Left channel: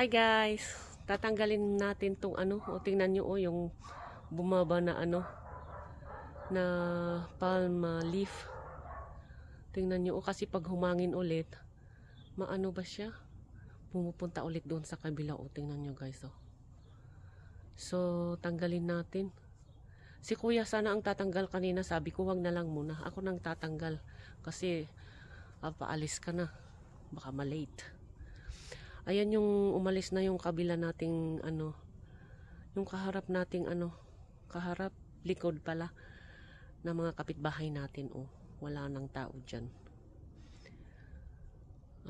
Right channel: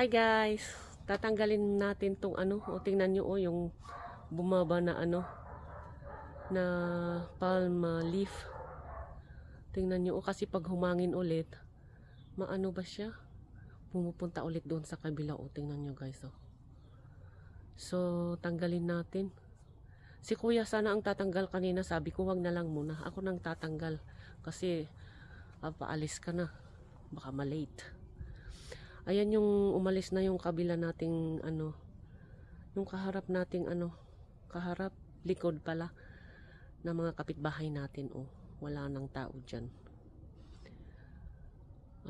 Hi guys, tatanggalin natin tong o tingnan nyo yung bumaba na na palm leaf. Tingnan nyo kasi pag humangin ulit, maano ba siya? Pumupunta ulit doon sa kabila tingnan nyo guys So, tanggalin natin. Si kuya sana ang tatanggal kanina, sabi ko wag na lang muna. Ako nang tatanggal kasi paalis ka na, baka malate. Ayan yung umalis na yung kabila nating yung kaharap nating kaharap, likod pala ng mga kapitbahay natin wala nang tao dyan.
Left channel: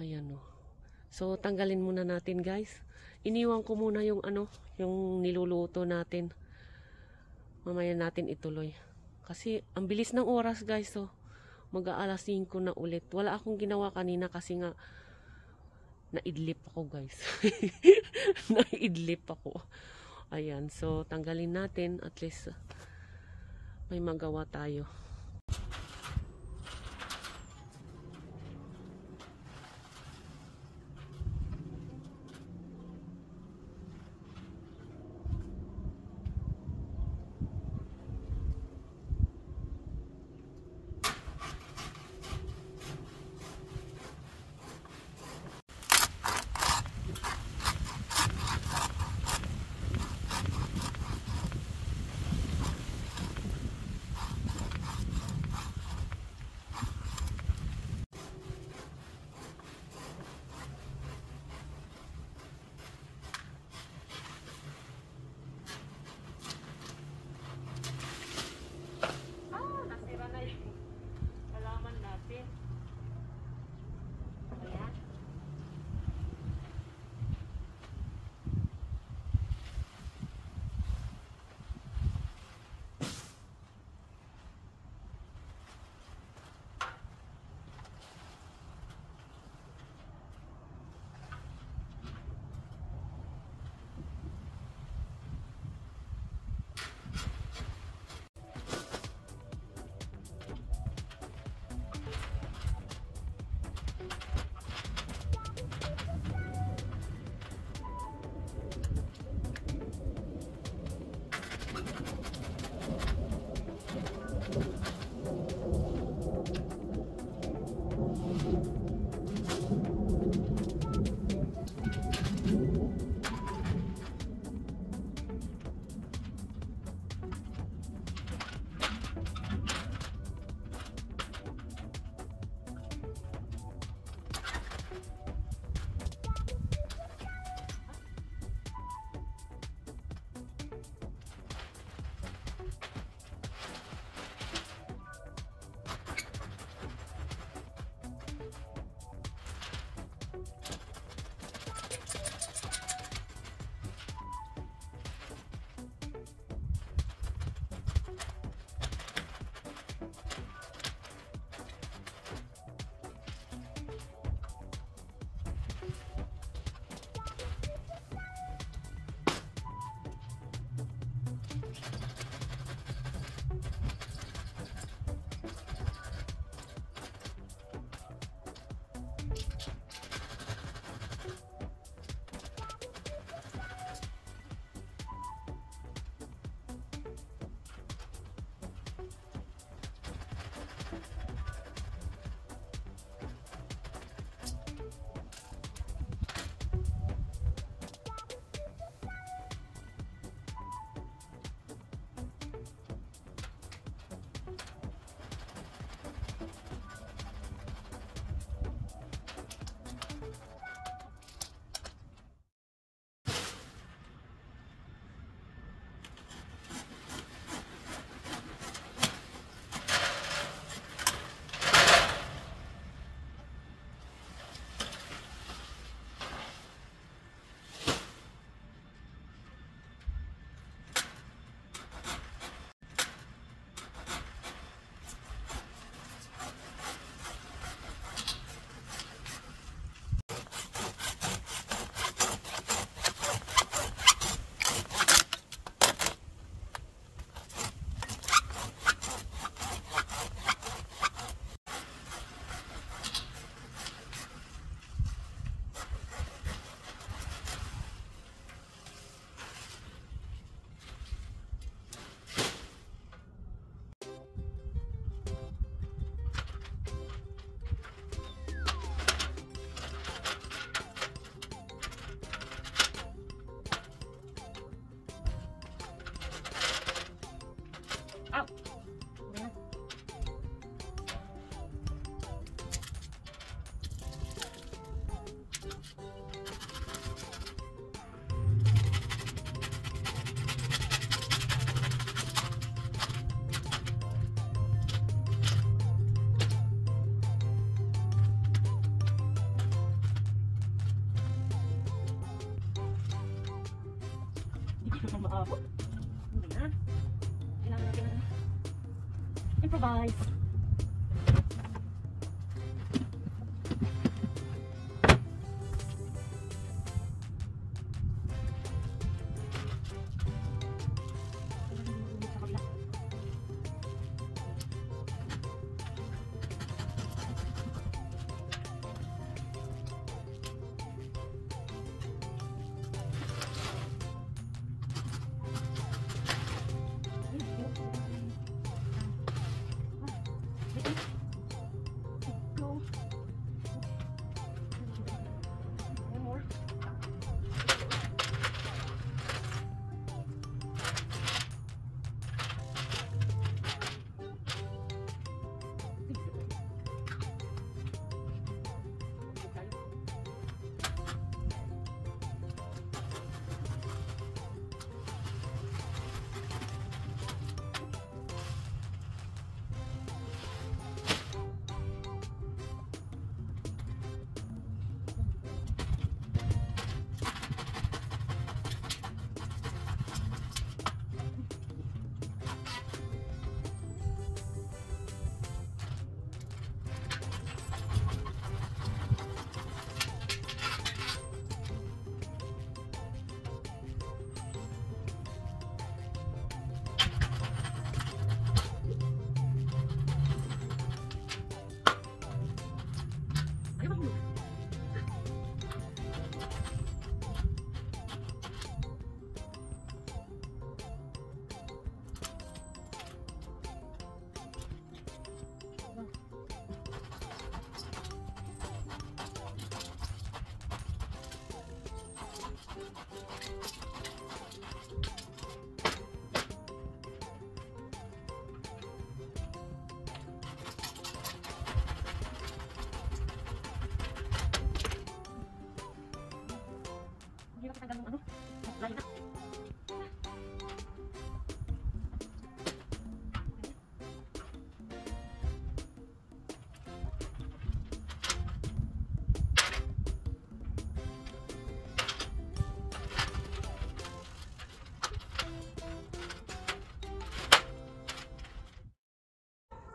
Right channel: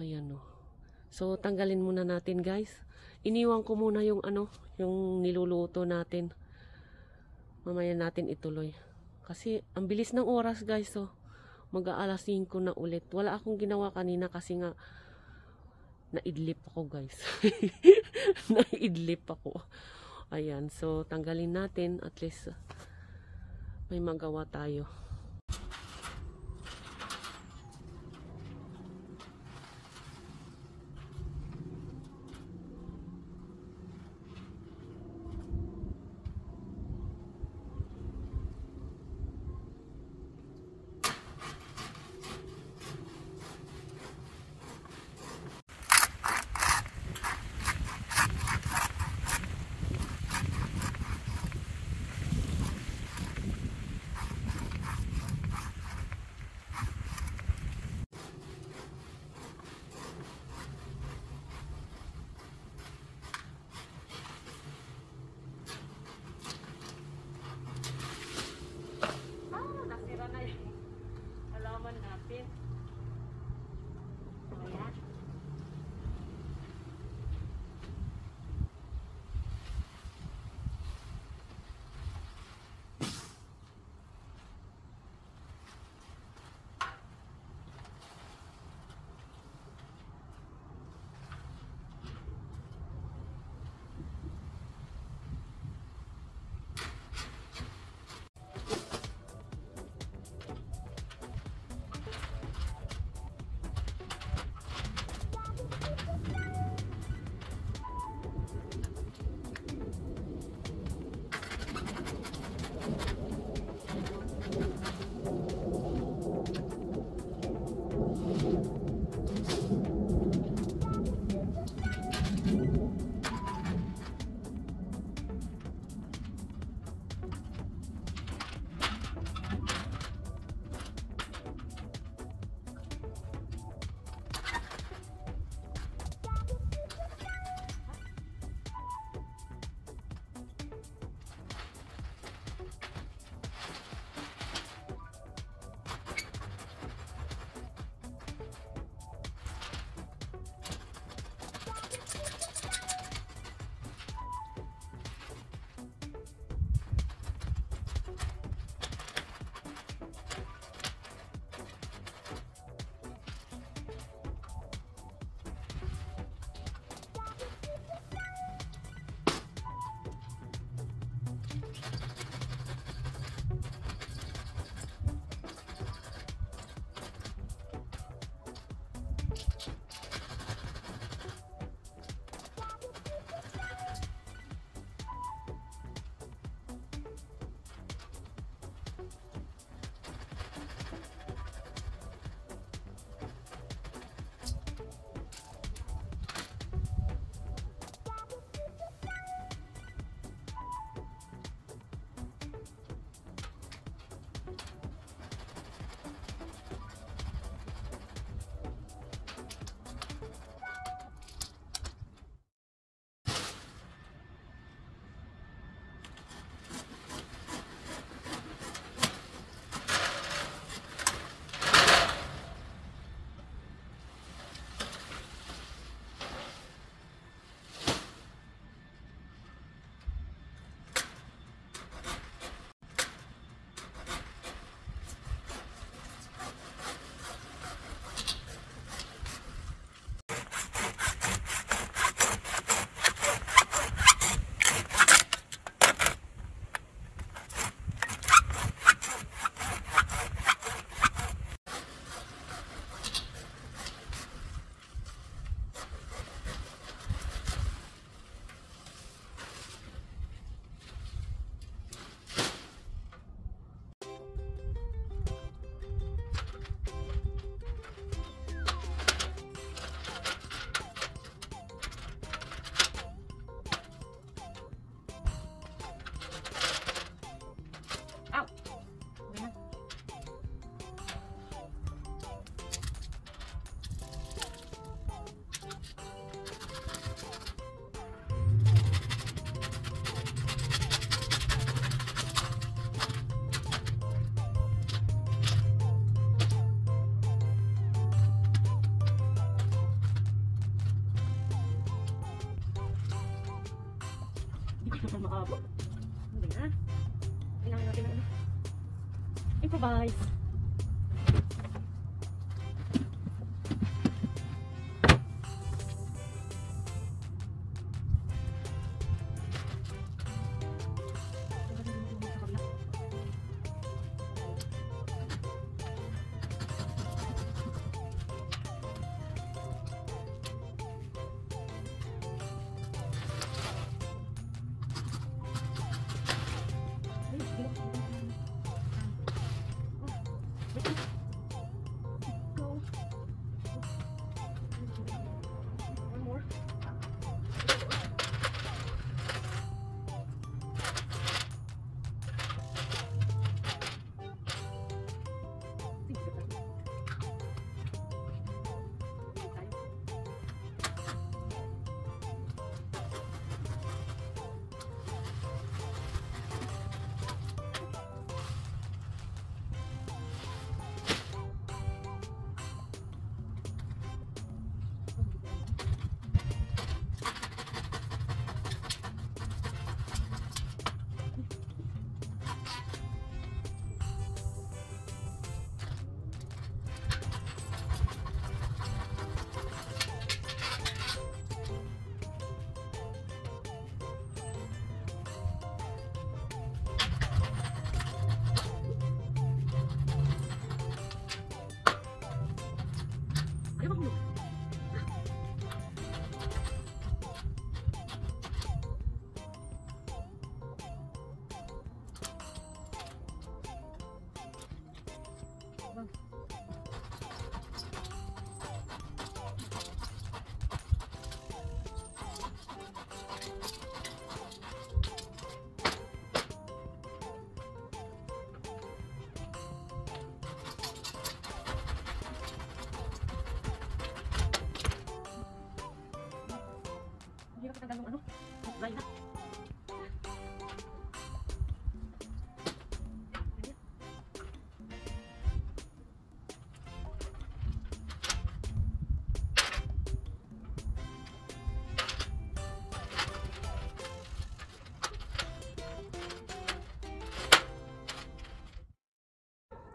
Ayan So tanggalin muna natin guys. Iniwan ko muna yung yung niluluto natin. Mamaya natin ituloy. Kasi ang bilis ng oras guys mag-aalas 5 na ulit. Wala akong ginawa kanina kasi nga naidlip ako guys. Naidlip ako. Ayan, so tanggalin natin at least may magawa tayo. Maabot. Ano ba yan? Kailangan natin ng improvise.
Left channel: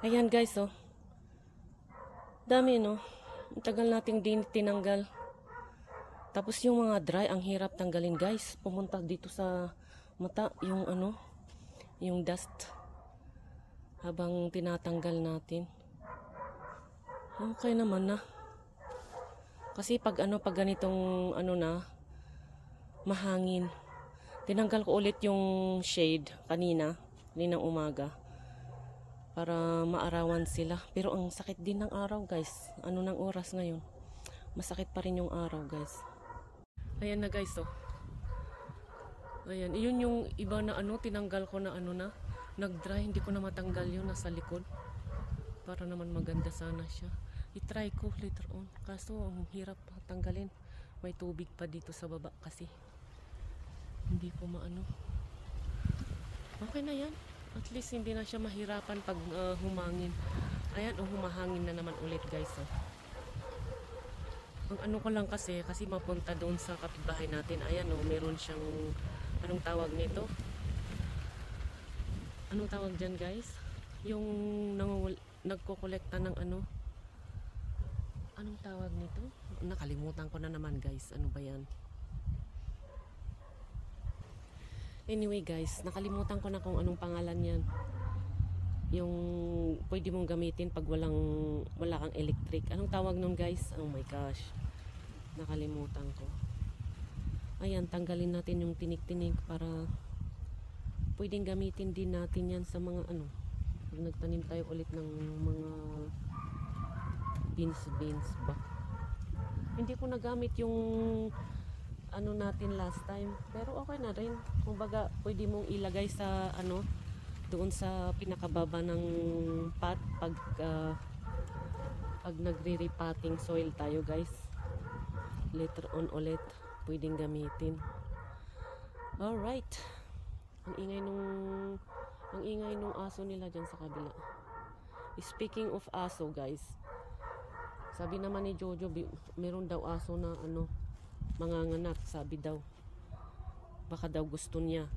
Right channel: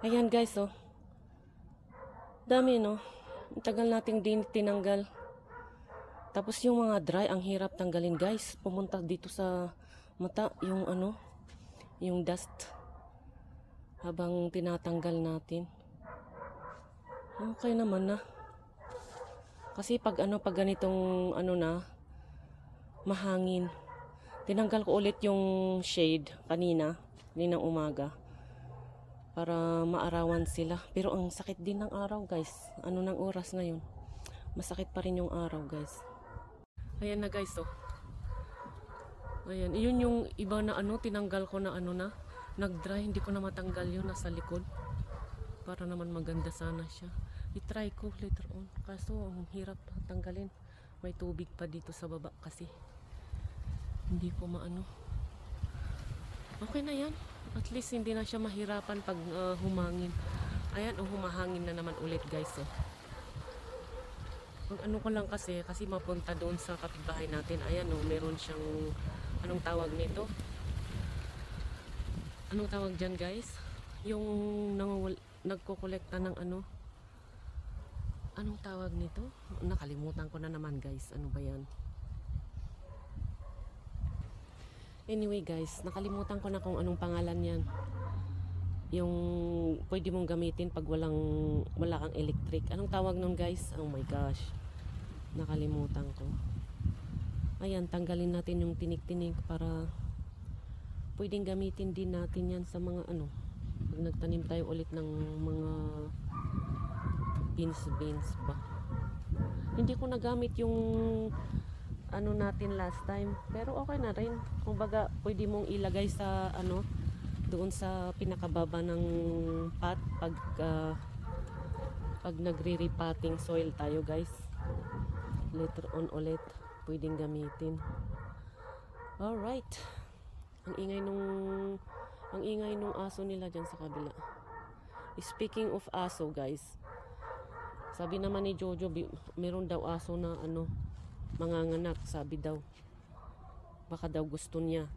Ayan guys, oh. Dami, no? Ang tagal nating din tinanggal. Tapos yung mga dry, ang hirap tanggalin guys. Pumunta dito sa mata, yung ano, yung dust. Habang tinatanggal natin. Okay naman na. Kasi pag ano, pag ganitong ano na, mahangin. Tinanggal ko ulit yung shade kaninang umaga. Para maarawan sila. Pero ang sakit din ng araw guys. Ano ng oras ngayon? Masakit pa rin yung araw guys. Ayan na guys, oh. Ayan, yun yung iba na ano, tinanggal ko na ano na. Nag-dry, hindi ko na matanggal yun nasa likod. Para naman maganda sana siya. I-try ko later on. Kaso ang hirap tanggalin. May tubig pa dito sa baba kasi. Hindi ko maano. Okay na yan. At least hindi na siya mahirapan pag humangin. Ayan, humahangin na naman ulit guys, oh. Ang ano ko lang kasi mapunta doon sa kapitbahay natin. Ayan, oh, meron siyang, anong tawag nito? Anong tawag dyan guys? Yung nagkukolekta ng ano? Anong tawag nito? Nakalimutan ko na naman guys. Ano ba yan? Anyway guys, nakalimutan ko na kung anong pangalan yan. Yung pwede mong gamitin pag wala kang electric. Anong tawag nun guys? Oh my gosh. Nakalimutan ko. Ayan, tanggalin natin yung tinik-tinik para pwedeng gamitin din natin yan sa mga ano. Pag nagtanim tayo ulit ng mga beans ba? Hindi ko nagamit yung ano natin last time, pero okay na rin. Kumbaga pwede mong ilagay sa ano, doon sa pinakababa ng pot pag nagre-repotting soil tayo guys. Later on ulit pwedeng gamitin. Alright, ang ingay nung aso nila dyan sa kabila. Speaking of aso guys, sabi naman ni Jojo meron daw aso na ano, manganganak, sabi daw. Baka daw gusto niya.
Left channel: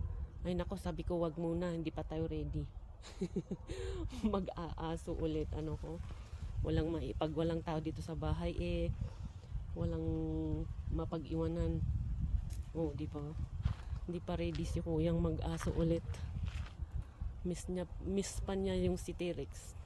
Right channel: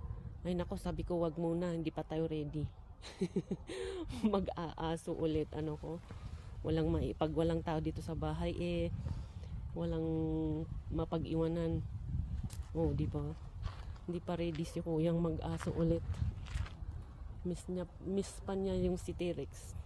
Ay nako, sabi ko wag muna, hindi pa tayo ready. Mag-aaso ulit, ano ko. Pag walang tao dito sa bahay, walang mapag-iwanan. Oh, di ba? Hindi pa ready si Kuyang mag-aso ulit. Miss pa niya yung si T-Rex.